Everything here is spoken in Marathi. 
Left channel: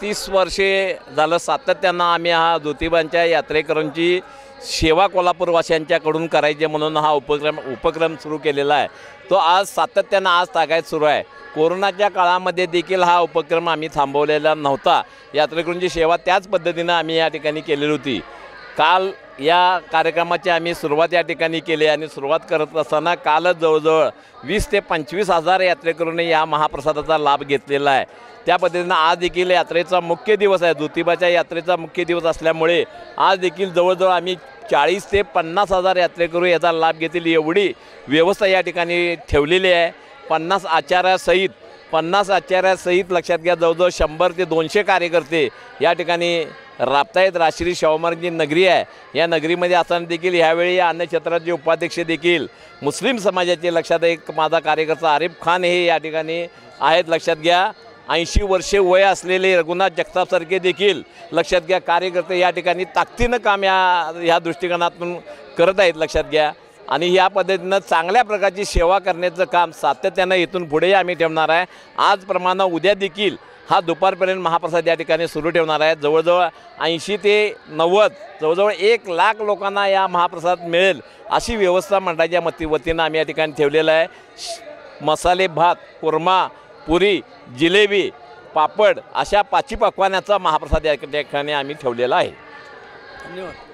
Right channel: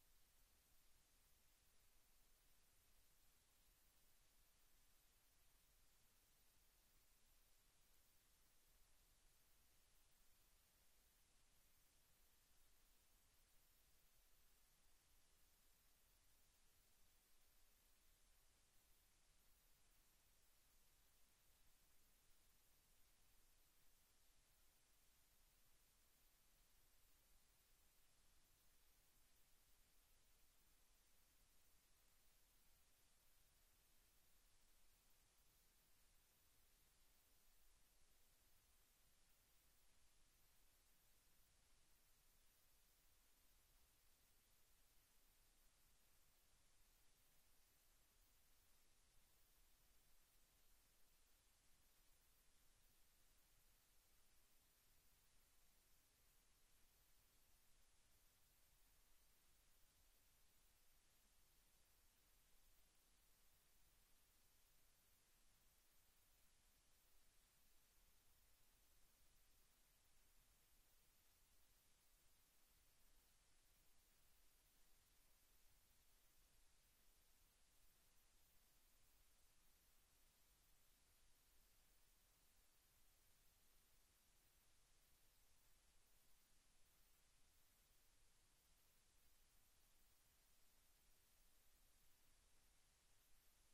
30 वर्षे झालं सातत्यानं आम्ही हा ज्योतिबांच्या यात्रेकरूंची सेवा कोल्हापूरवासियांच्याकडून करायचे म्हणून हा उपक्रम सुरू केलेला आहे। तो आज सातत्यानं आज तागायत सुरू आहे। कोरोनाच्या काळामध्ये देखील हा उपक्रम आम्ही थांबवलेला नव्हता। यात्रेकरूंची सेवा त्याच पद्धतीनं आम्ही या ठिकाणी केलेली होती। काल या कार्यक्रमाची आम्ही सुरुवात या ठिकाणी केली आणि सुरुवात करत असताना कालच जवळजवळ 20 ते 25 हजार यात्रेकरूंनी या महाप्रसादाचा लाभ घेतलेला आहे। त्या पद्धतीनं आज देखील यात्रेचा मुख्य दिवस आहे। ज्योतिबाच्या यात्रेचा मुख्य दिवस असल्यामुळे आज देखील जवळजवळ आम्ही 40 ते 50 हजार यात्रेकरू याचा लाभ घेतील एवढी व्यवस्था या ठिकाणी ठेवलेली आहे। 50 आचार्यासहित लक्षात घ्या जवळजवळ 100 ते 200 कार्यकर्ते या ठिकाणी राबतायत। राजश्री शाहू महाराज जी नगरी आहे या नगरीमध्ये असताना देखील ह्यावेळी या अन्न क्षेत्राचे उपाध्यक्ष देखील मुस्लिम समाजाचे लक्षात एक माझा कार्यकर्ता आरिफ खान हे या ठिकाणी आहेत। लक्षात घ्या 80 वर्षे वय असलेले रघुनाथ जगतापसारखे देखील लक्षात घ्या कार्यकर्ते या ठिकाणी ताकदीनं काम ह्या दृष्टिकोनातून करत आहेत। लक्षात घ्या आणि या पद्धतीनं चांगल्या प्रकारची सेवा करण्याचं काम सातत्यानं इथून पुढे आम्ही ठेवणार आहे। आजप्रमाणे उद्या देखील हा दुपारपर्यंत महाप्रसाद या ठिकाणी सुरू ठेवणार आहे। जवळजवळ 80 ते 90 जवळजवळ 1 लाख लोकांना या महाप्रसाद मिळेल अशी व्यवस्था मंडळाच्या वतीनं आम्ही या ठिकाणी ठेवलेलं आहे। मसाले भात, कुर्मा, पुरी, जिलेबी, पापड अशा 5 पक्वान्याचा महाप्रसाद या ठिकाणी आम्ही ठेवलेला आहे। धन्यवाद।